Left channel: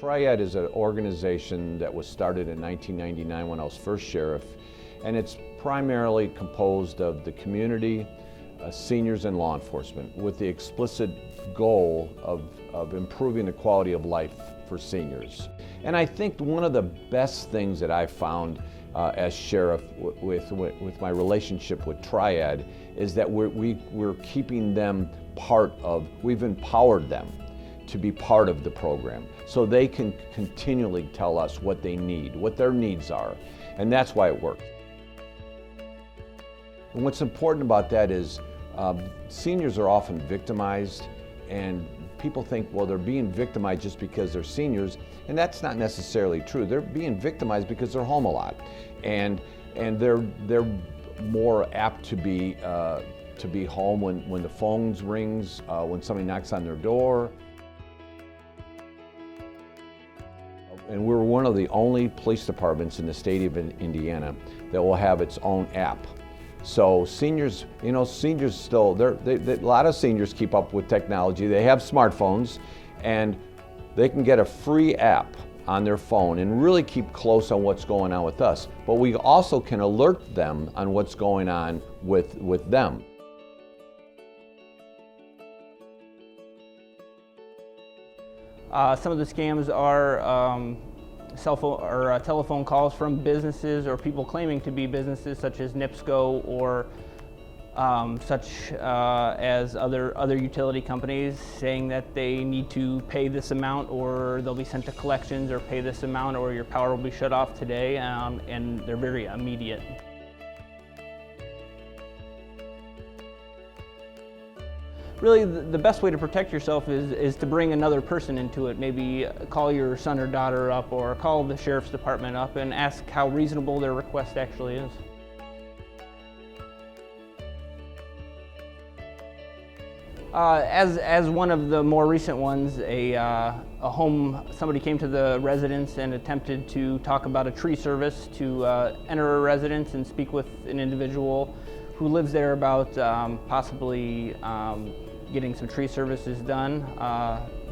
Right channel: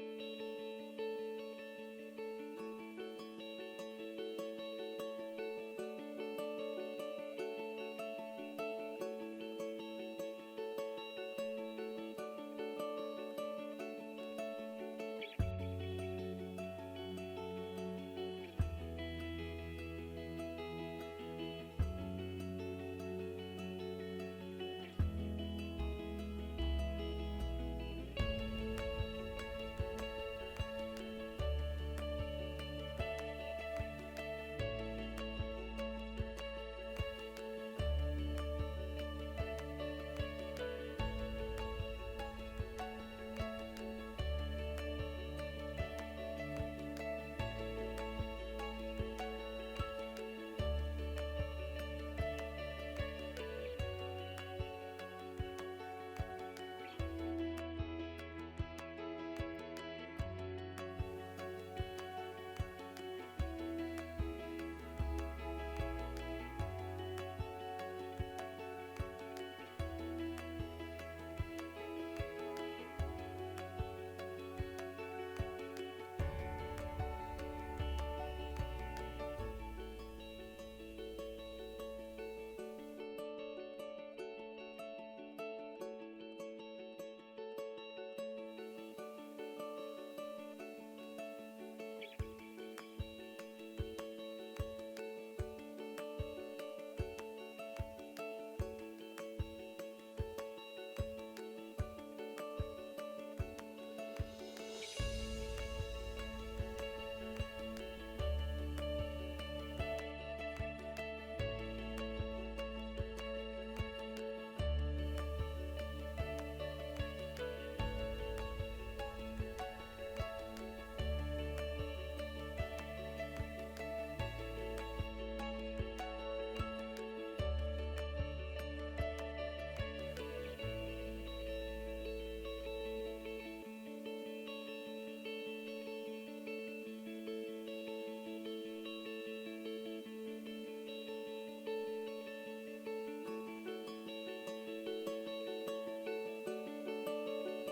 Triad is an organization that was started in 1999 when I was first sheriff, and it's primarily composed of the community, seniors, and law enforcement, with the explicit goal of improving the quality of life for seniors. And I think one of the best things that I found as sheriff with my relationship with Triad is that we're keeping them we've empowered them to be part of the program, so they can continually tell us what they need, what their needs are, and that's why it works. And what's important about that is seniors are often victimized, and people think, well, they're being victimized just because they're seniors, and that's not necessarily true. They're being victimized because they're home a lot, and they're more apt to be home when the phone rings, when somebody knocks on their door. And we're one of the only police departments in the state of Indiana that will have its own app. So seniors, seniors still, a lot of seniors keep up with technology. They have smartphones, and they can get a free app on their phone and really keep close on what's going on with us. But we also can alert them on what's going on with them. Some of the scams are cell phone or telephone calls from businesses or people claiming to be businesses, such as NIPSCO or such as other utility companies, saying that they need to pay this amount or they'll be sent to collections, or pay this amount or your power will be shut off today, and they're very immediate. Really, the best way to protect yourself is to bring another person into it. Maybe call your son or daughter up, or call the sheriff's department up and ask how reasonable their request actually is. As one of the more recent ones, somebody came to the residence and attempted to talk about a tree service, to enter a residence and speak with an individual who lives there about possibly getting some tree services done.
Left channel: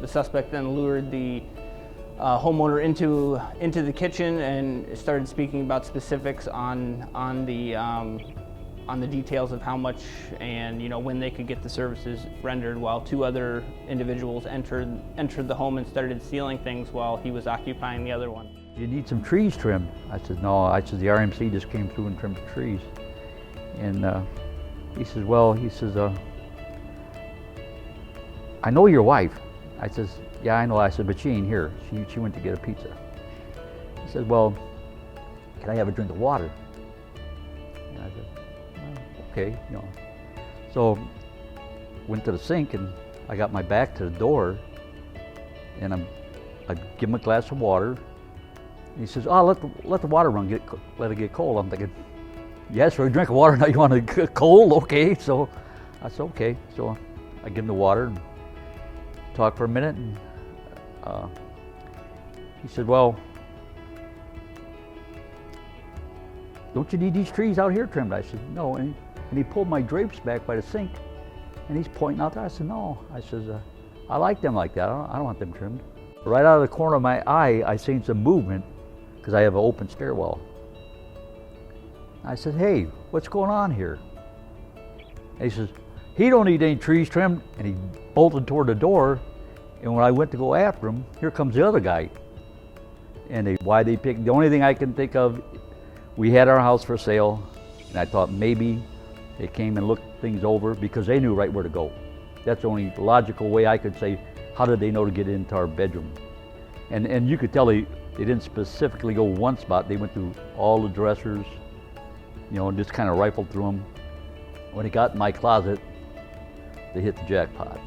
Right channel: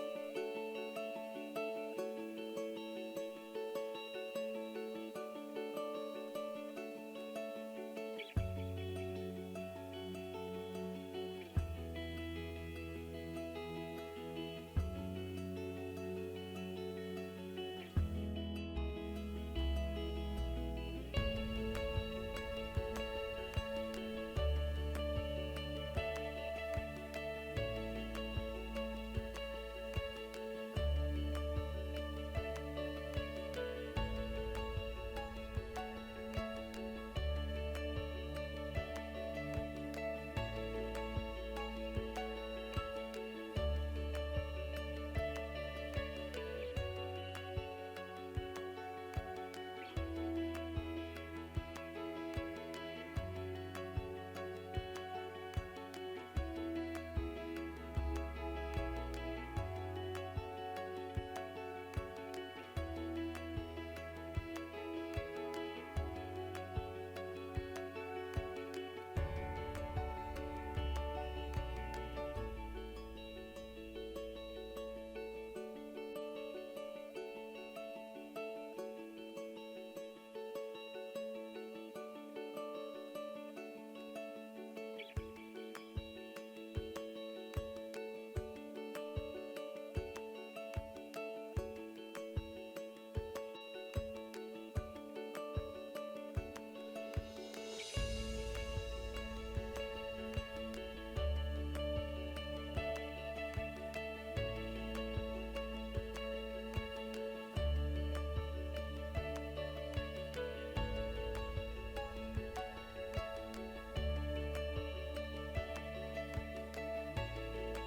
The suspect then lured the homeowner into the kitchen and started speaking about specifics on the details of how much and when they could get the services rendered, while two other individuals entered the home and started stealing things while he was occupying the other one. You need some trees trimmed. I said, no. I said, the RMC just came through and trimmed the trees. And he says, well, I know your wife. I says, yeah, I know. I said, but she ain't here. She went to get a pizza. He said, well, can I have a drink of water? And I said, okay, So went to the sink, and I got my back to the door, and I give him a glass of water. And he says, oh, let the water run, let it get cold. I'm thinking, yes, for a drink of water, now you want it cold? Okay, so I said, okay. So I give him the water and talk for a minute, and he said, well, don't you need these trees out here trimmed? I said, no. And he pulled my drapes back by the sink, and he's pointing out there. I said, no. I said, I like them like that. I don't want them trimmed. Right out of the corner of my eye, I seen some movement, because I have an open stairwell. I said, hey, what's going on here? And he says, he don't need any trees trimmed, and he bolted toward the door. And when I went to go after him, here comes the other guy. And the only thing I can think of, we had our house for sale, and I thought maybe they came and looked things over because they knew right where to go. That's the only logical way I could say, how did they know to get into our bedroom? And you could tell they didn't specifically go one spot. They went through all the dressers, and just kind of rifled through them. When they got in my closet, they hit the jackpot.